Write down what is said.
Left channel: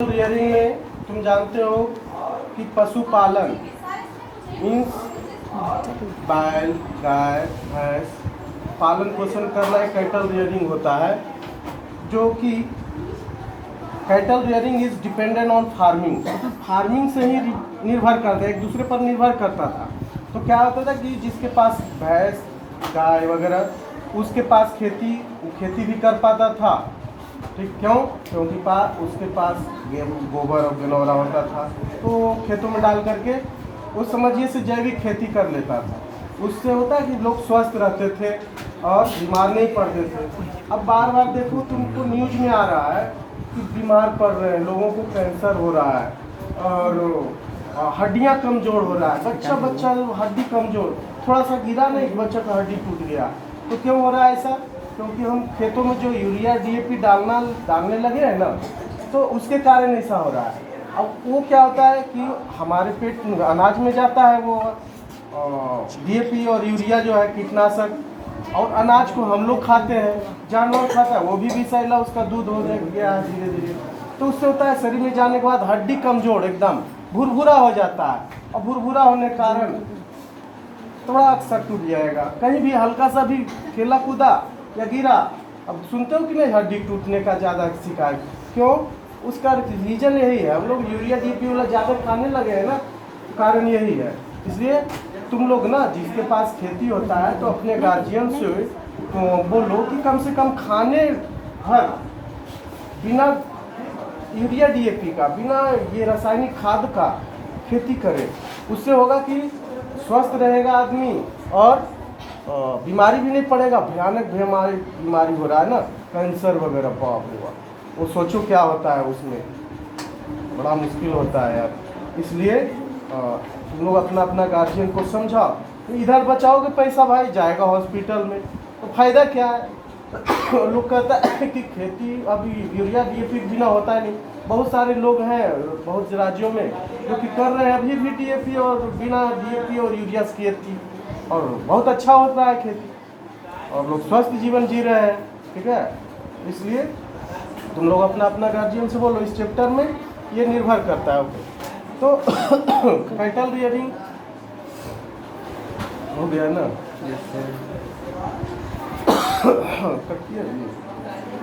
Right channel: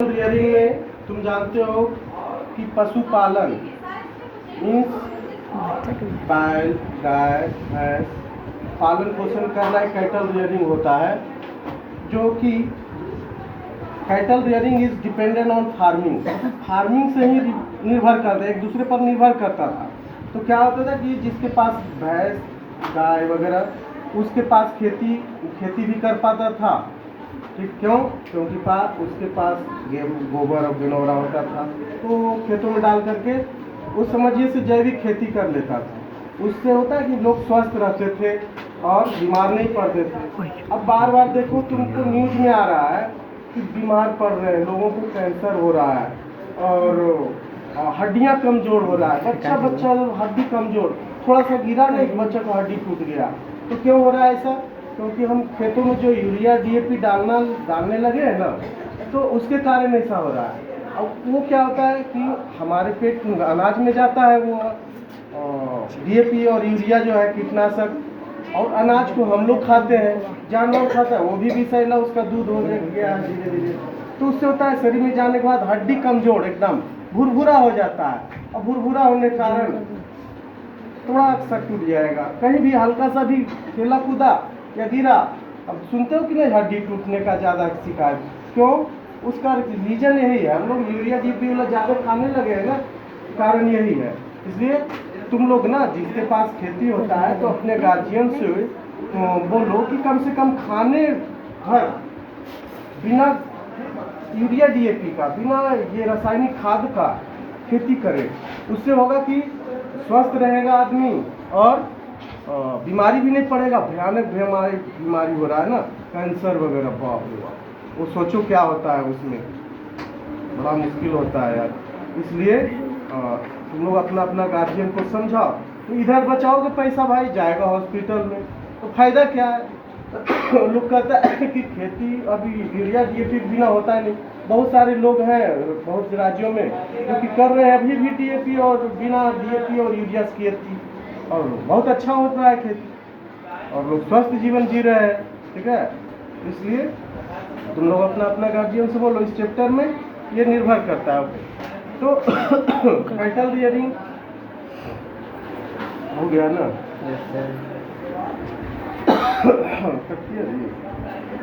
Rearing में तुम जानते हो कि पशुपालन मीन्स बैल गाय भैंस पालन पोषण करना एक कैटल रियरिंग होता है, जो कि cattle rearing is dependent on farming. Farming से ही निर्भर करता है, एक दूसरे पर निर्भर करता था। तो क्या होता था कि जिसके पास भैंस गाय वगैरह उसके पास खेती भी कर पाता था। ठीक, क्यों? क्योंकि उसके पास गोबर और गनौरा होता था, तो खेतों में डाल करके वो समझिए से जैविक खेती कर लेता था। उससे होता है कि लोग स्वस्थ रहते थे और बीमार नहीं पड़ते थे। अब बार बार देखो तुमको न्यूज में आ रहा है कि बीमार पड़ रहे हैं, लोगों को कैंसर हो रहा है और हड्डियां कमज़ोर हो रहा है। बच्चा हड्डी कमज़ोर, थोड़ा सा गिरा नहीं बच्चा का हड्डी टूट गया। तो क्यों हो रहा है ऐसा? क्योंकि हम खेतों में जो यूरिया डीएपी डालने लगे हैं ना, तो उसके कारण ऐसा हो रहा है। अब वो क्या होता है कि हमारे पेट अनाज में जाता है वो डीएपी और यूरिया जो है कीटनाशक, और अनाज को हम लोग खाते हैं, जानवर खाता है वो भी विषैला, उसका दूध हो गया धीरे धीरे। तो उससे होता है शरीर में जाने के बाद हड्डी कमज़ोर एकदम भुरभुरा हो जाता है, और भुरभुरा होने के कारण थोड़ा अक्सर टूट जाएगा। कहीं भी हल्का सा भी खेला कूदा या गिरा, अब सुनते हो कि नहीं हड्डी टूटने का ज़्यादा शिकायत? क्यों? उसका रीज़न यही है, हम लोग यूरिया डीएपी वाला ज़्यादा खाने लगे हैं ना, कारण यही है। इसलिए तुम लोग ना जिसके पास खेती होता है तो अपने गार्जियन से बोलो कि कम से कम खाने भर बिना यूरिया डीएपी का, बिना ये रासायनिक खाद का खेती करे। उससे होगा कि स्वस्थ रहेगा आदमी और बीमारी भी नहीं पड़ेगा। भयानक बीमारी हो रहा है ना, कैंसर वगैरह, बाप रे बाप, वो सोचो क्या होता है उसमें, बड़ा मुश्किल होता है यार। इसलिए तुम लोग अपना अपना गार्जियन को समझाओ। इधर बचाओगे पैसा भाई जाएगा हॉस्पिटल में, तो फायदा क्या है? लोग कहता है कि खेती अभी यूरिया डीएपी बिना होता नहीं। बहुत सारे लोग हैं बहुत राज्यों में जो कि कर रहे हैं अभी भी डीएपी और बिना डीएपी और यूरिया की खेती, और बहुत अच्छा हो रहा है खेती, और लोग स्वस्थ जीवन जी रहे हैं। ठीक है, इसलिए तुम लोग अपना अपना गार्जियन से बोलो। इस चैप्टर में ये निर्भर करता है। तो कैटल रियरिंग हो गया ना?